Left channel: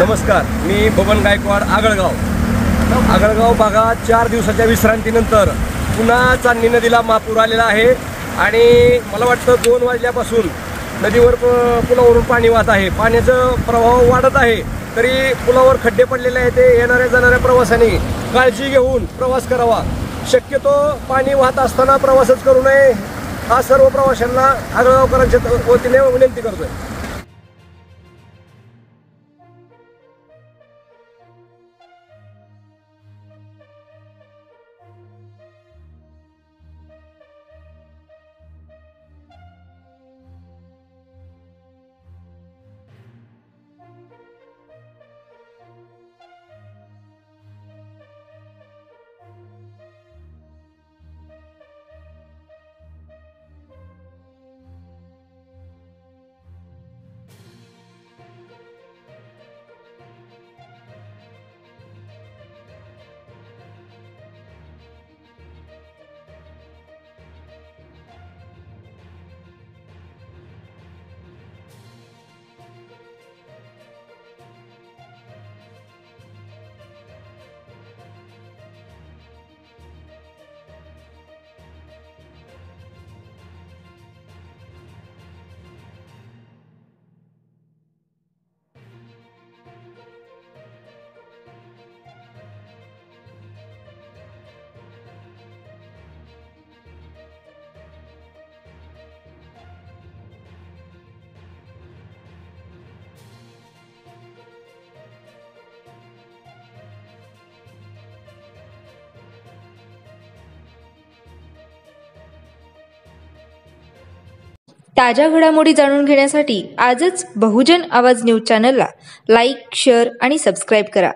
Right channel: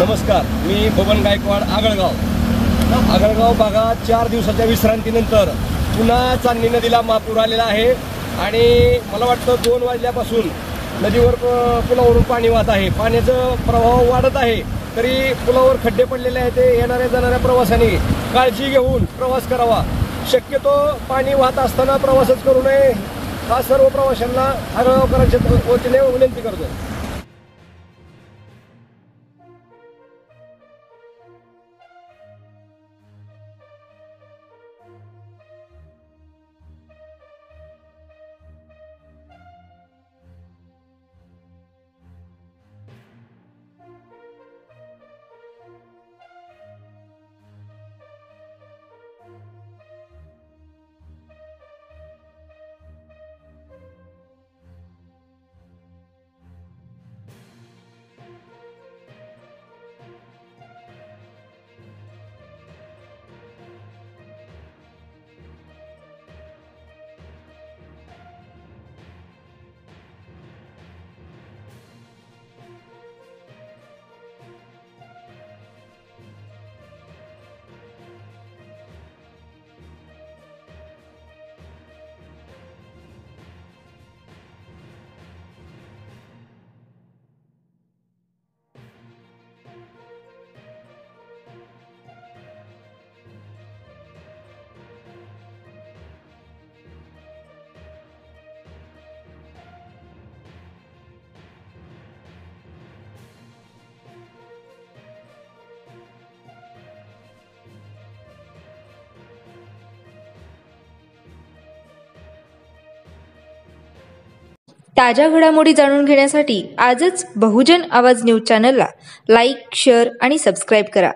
नमस्कार, मी बबन गायकवाड, आगळगाव भागात 4 दिवसाच्या विश्रांतीनंतर पुन्हा चांदणी नदीला महापूर आलेला आहे आणि मला वाटतं 2 वाजल्यापासून नदीवर पुलावरून पाणी वाहत आहे। पाण्याचा प्रवाह वाढत आहे, तरी पुलावर खड्डे पडलेले आहेत। ते येणाऱ्या जाणाऱ्या प्रवाशांनी काळजी घेऊन प्रवास करावा। शक्यतो पाणी वाहत असताना प्रवासच करू नये, हा सर्व प्रवाशांना आगळगावकरांच्या वतीने विनंती करतोय। ताज्या घडामोडी जाणून घेण्यासाठी आजच बहुजन आवाज न्यूज चॅनलला लाईक, शेअर आणि सबस्क्राईब करा।